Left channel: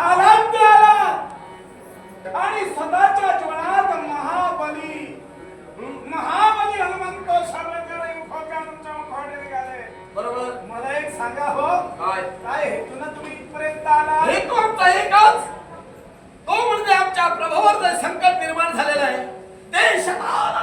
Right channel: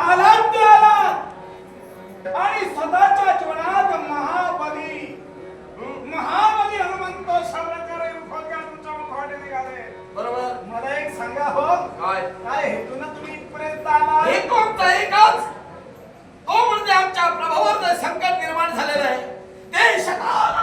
आलात आलात आणि स्वतःच्या जीवनात महाबली महाबली हनुमंत सावरकर मुखवट्या तुमच्या मुखवटे निघाले. बरोबर. मला एक सांगा हो. काय? हेतून तुम्ही इथपर्यंत आला? हे कोणता एकच. तो म्हणजे आमच्या प्रभावर संकट निर्माण झालेलं आहे. ते शकाला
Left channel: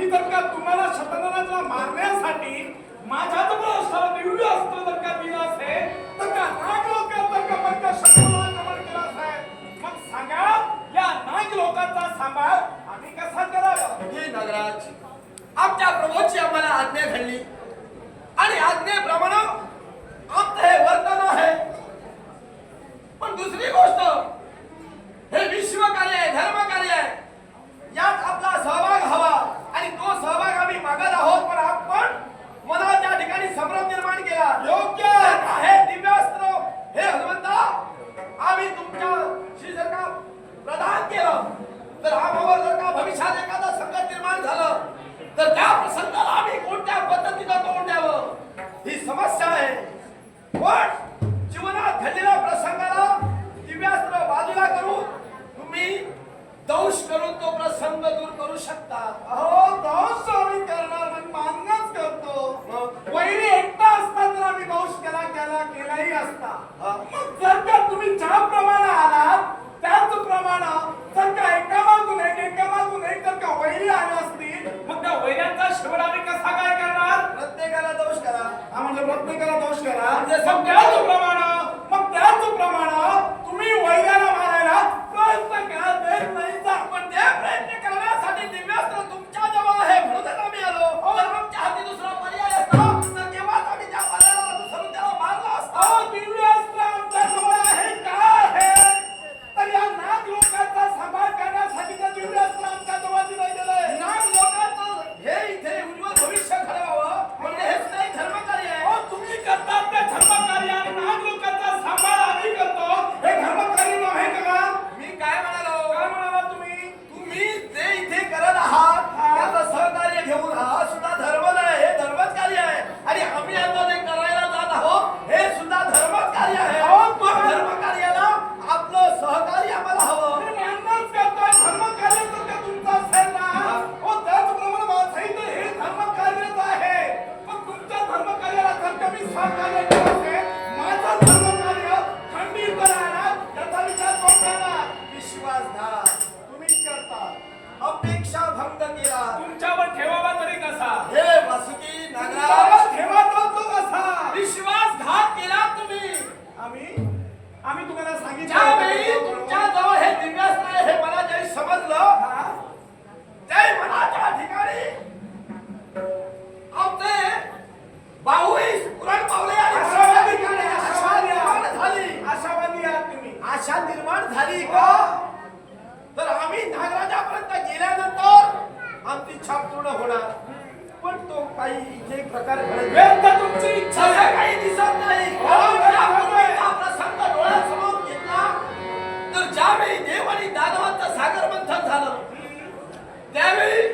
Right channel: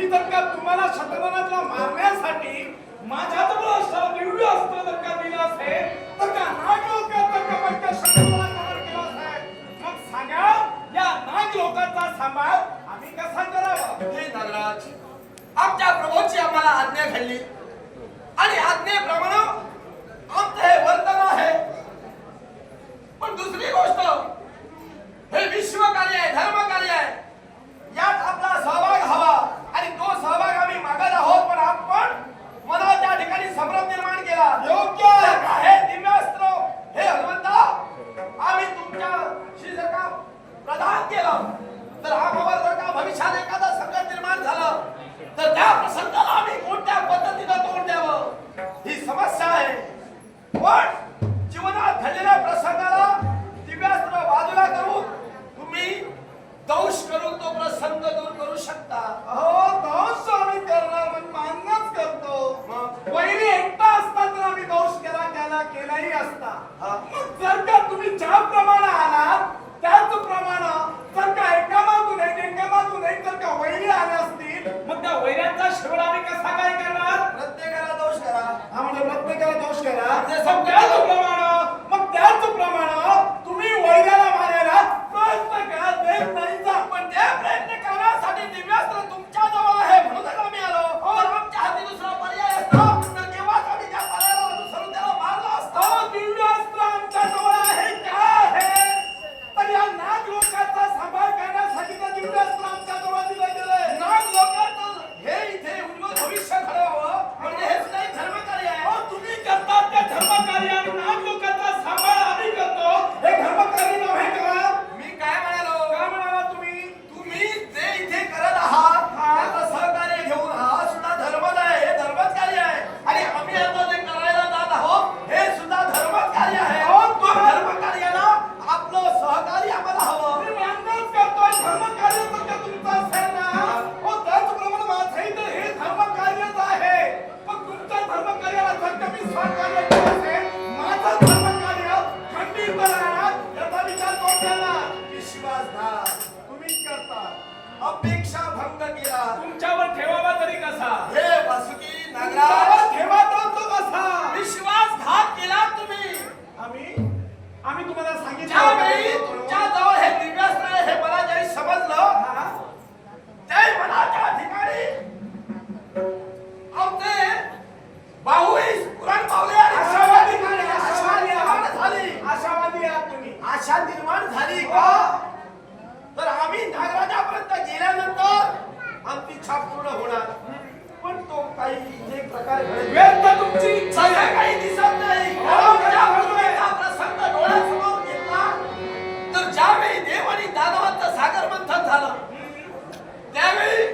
मी जर का तुम्हाला शतानंदाला मारण्यासाठी माझ्याजवळ असणारा दिव्य अस्त्र जर का दिलं असेल तर त्या नाग लोकांचा कपट त्या शतानंदाला कपट केला असेल मग सांगा या नाग लोकांचा सांभाळ आम्ही कसा करावा? हे नागराज आमच्या प्रभूची आम्हाला आज्ञा घडली. आणि आज्ञेप्रमाणे आमचं हे वर्तन आहे. पण दुसरी गोष्ट हे विश्व कार्य आहे धर्म कार्य आहे. यात आपला सहभाग आणि तो सहभाग आम्ही मागत आहोत पण आपण मनाच्या ठिकाणी संभ्रम निर्माण केला. योग्य. आहे. हे दिव्यास्त्र. हे हनुमंता आम्ही तुमच्याशी जर का प्रदान केलं तर आम्हाला जर का भविष्यात एखादा संकट निर्माण झालं तर त्या प्रसंगाला आम्ही कोणत्या पद्धतीनं तोंड द्यावं? ही समस्या आहे. पण जीवनात घडलेल्या प्रसंगाला दिव्यास्त्र बाजूला करून तुम्ही दंश करून तो प्रसंग दूर करू शकता अहो दोष आम्ही करणार म्हणजे मान्यच करतो. मग? वैरी एकटा असता तर आम्ही दोष केला केला केलाही असता. मग जर का तुम्ही ज्याप्रमाणे आलात त्याचप्रमाणे जर का एका मागून एक एका मागून एक जर का वैरी आले असतील मग त्या वैऱ्यांचा शेवट आम्ही कसा काय करणार? प्रत्येकाला दोष करा. हा म्हणजे प्रत्येकाला दोष करा. म्हणजे मग त्याचप्रमाणे मग त्याचप्रमाणे तुम्ही वैऱ्याला मारायला प्रयत्न करा नाही जा पण ते प्रयत्न करण्यासाठी दिव्यास्त्र तुमच्या जवळ आहे म्हणूनच आम्ही आलो आमच्या हाती दुसरा पर्याय असतो. आम्ही तुम्हाला ज्यावेळी सांगितलं तुमच्या जवळ हे दिव्यास्त्र आहे हे मला ज्यावेळी समजलं हा? मनाच्या ठिकाणी आमचे भाऊही पुराण पावले आणि आशावादी आशा आशावादी निर्माण. झाली. आशावादी आहात तुम्ही. आशा निर्माण झाली का? तर आम्ही नागराजापर्यंत गेल्यानंतर आमची इच्छा पूर्ण होणार. पण तो काही इथे प्रकार घडेल व्यर्थ तुमची इच्छा काही दिसत नाही. हो, कारण ज्या बरोबर आहे. हा प्रसंग समोर घेतला तर ज्यावेळी देव आणि दानवांचं सागर मंथन झालं त्यावेळी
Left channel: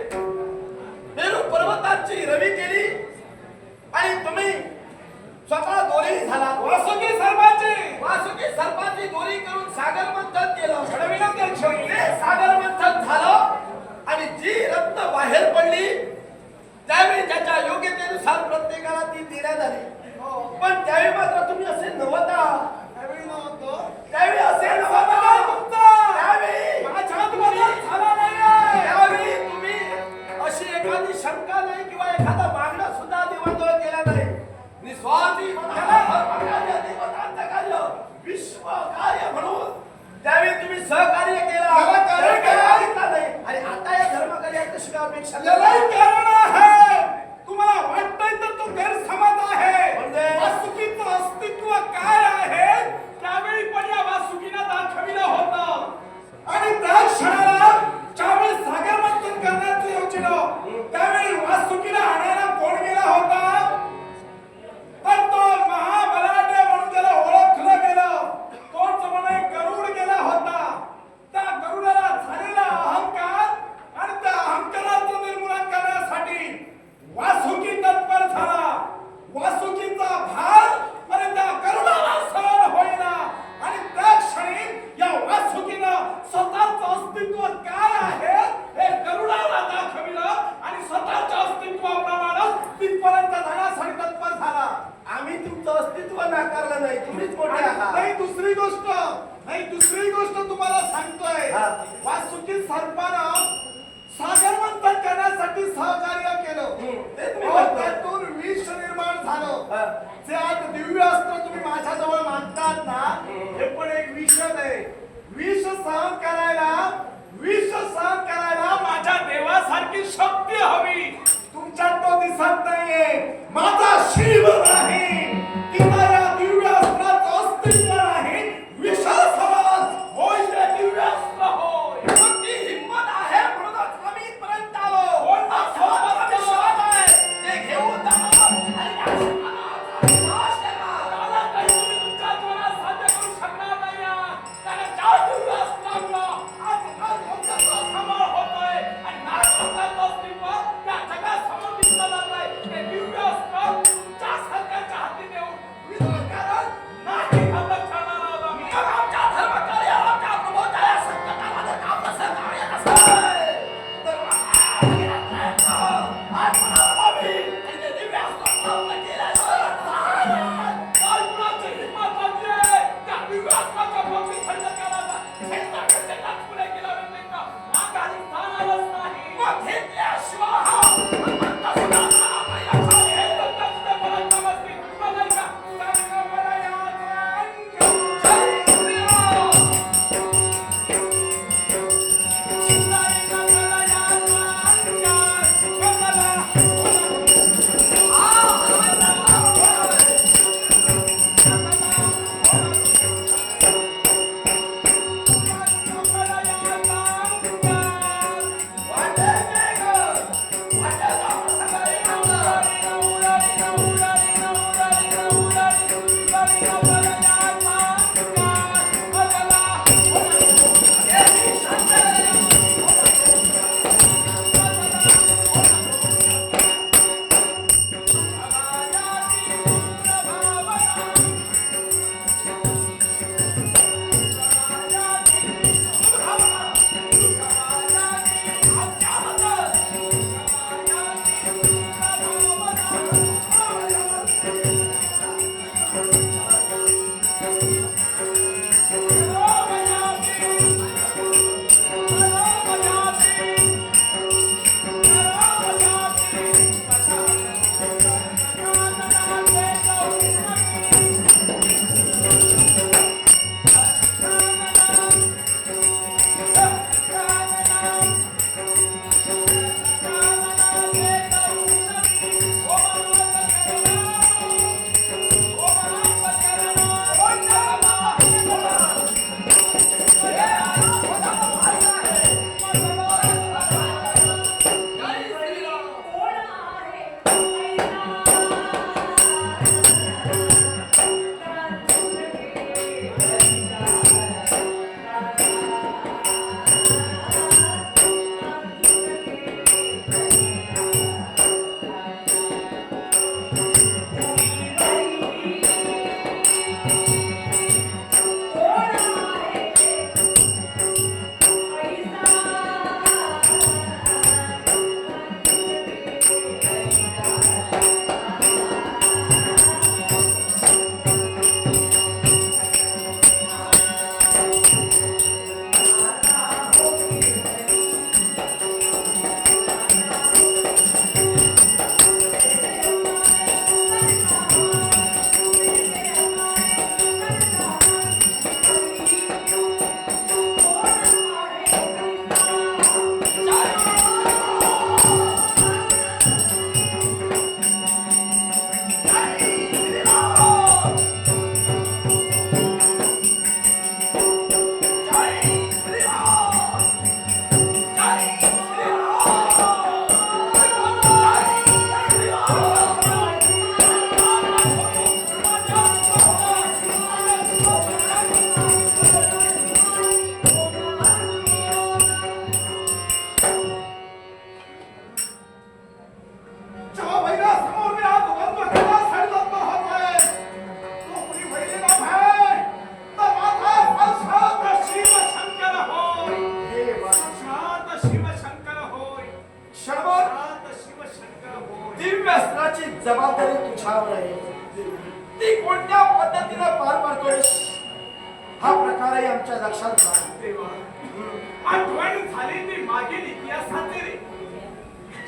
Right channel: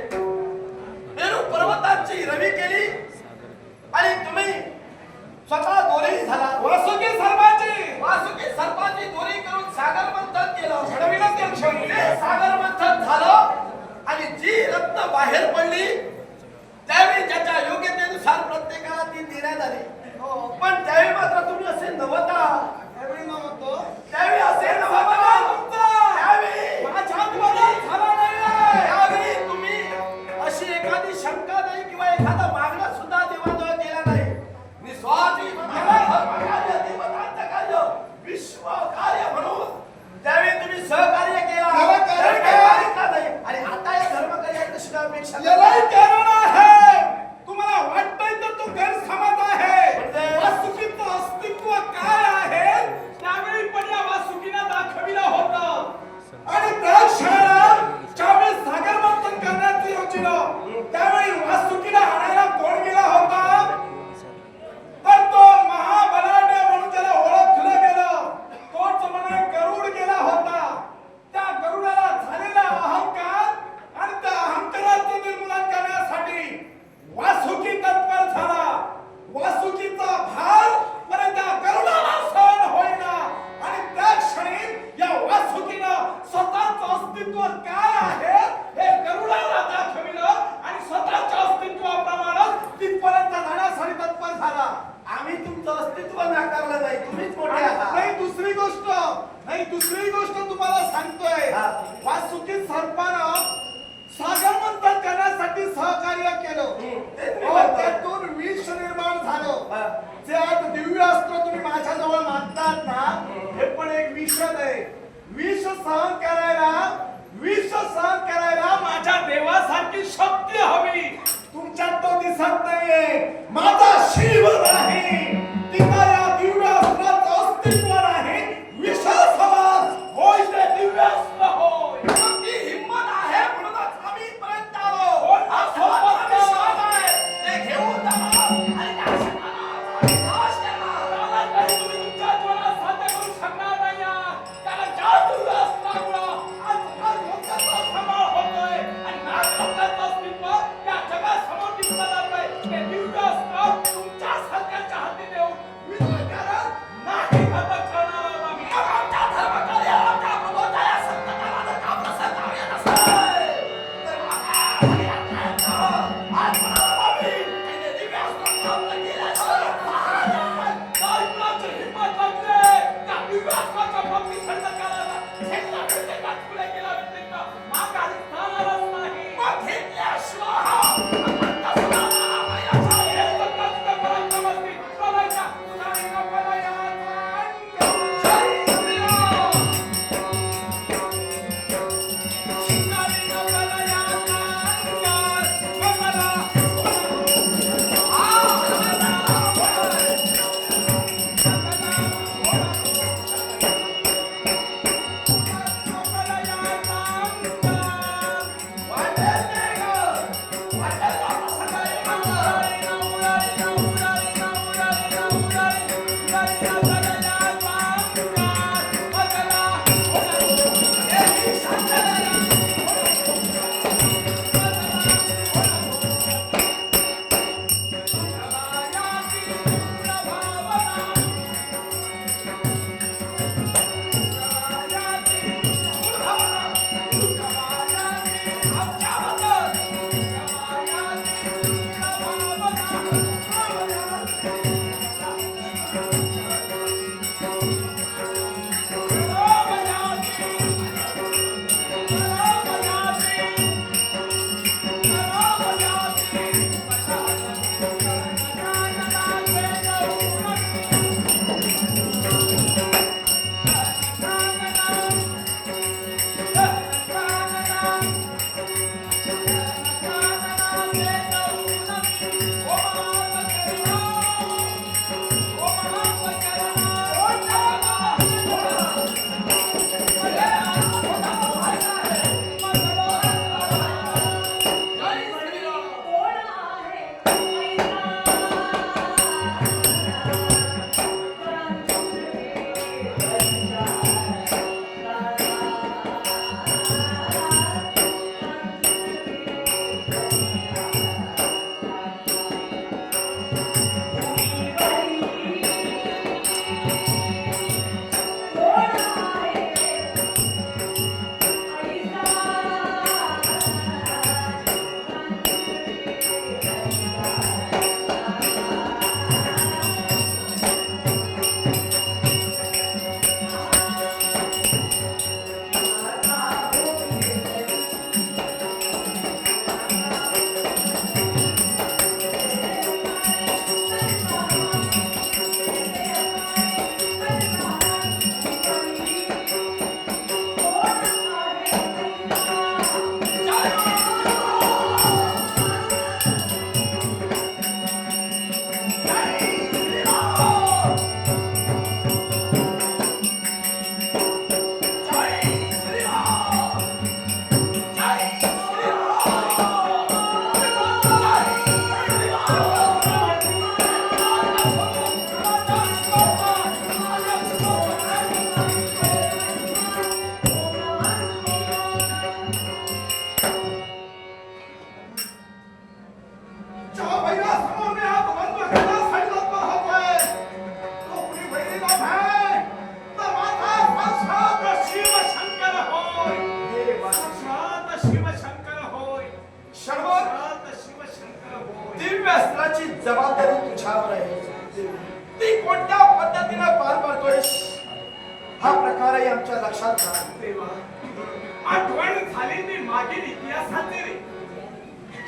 जे आज दिव्य अस्त्र तुम्ही माझ्याजवळ ना हे पण एक विष आहे. विष सहन करायला विष सहन करायला माझ्या देवासारखी शक्ती हवी. तुमच्यात तो दिसत नाहीये. माझा शिव नाही. शिवशंकर दिव्य अस्त्राची जबाबदारी तुझ्यावर आहे. ती कोणत्या पद्धतीने पार पाडतोय? हा प्रकार आहे आमच्या लक्षात आठवण झाली ती मागील इतिहासाचे रे.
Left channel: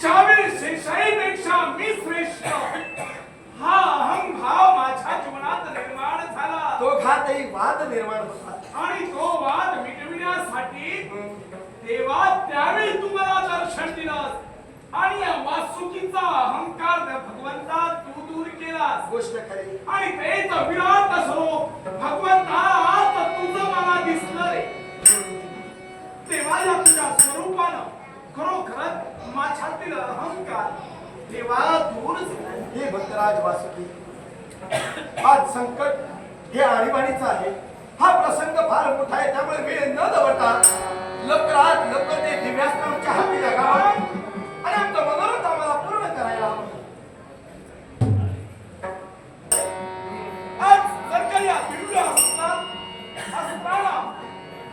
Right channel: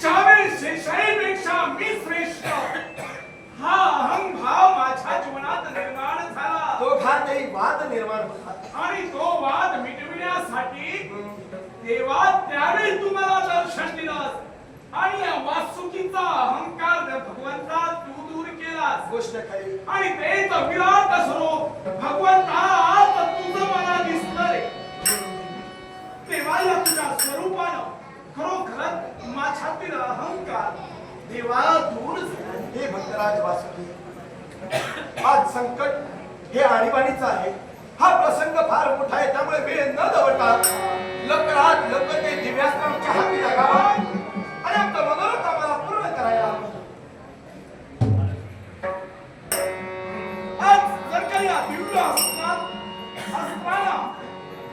ज्यावेळी मी श्रेष्ठ. हा अहंभाव माझ्या जीवनात निर्माण झाला. दोघातही वाद निर्माण होता आणि तो वाद मिटविण्यासाठी देवा त्यावेळी तुम्हाला दर्शन दिलंस. आणि वासुकीचा अहंकार भगवंता तू दूर केलास. गोष्ट खरी. आणि तेच विराट स्वरूप भगवंता आज तुझं मला दिसलं रे तेव्हा या तुझ्या स्वरूपानं खरोखरच माझ्यातील अहंकार देवा दूर झाला. हे भक्तराज वासुकी आज संकट हे आणीबाणीचं आहे. हा प्रसंग फार मोठा आहे त्यामुळे वेळ न दवडता लवकरात लवकर ते दिव्यास्त्र आमच्या हाती लागावा. आणि आमचा मनोरथ आम्हाला पूर्ण करायला आज जर का या दिव्य अस्त्रात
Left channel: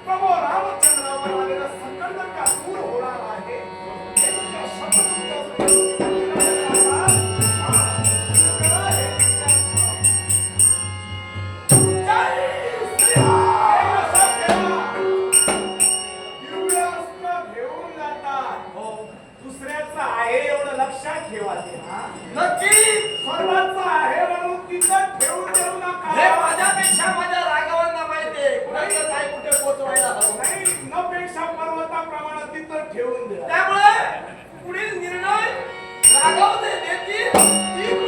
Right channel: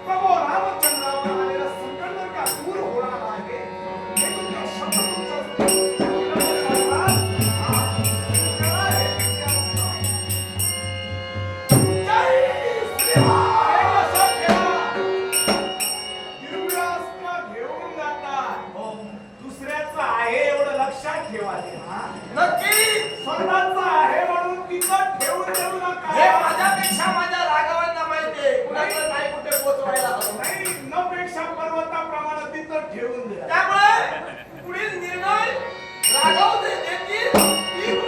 प्रभू रामचंद्रावर आलेला संकट जर का दूर होणार आहे हे तुमच्या शब्द तुमच्या त्यामुळे पुढील निर्णय राघव देतील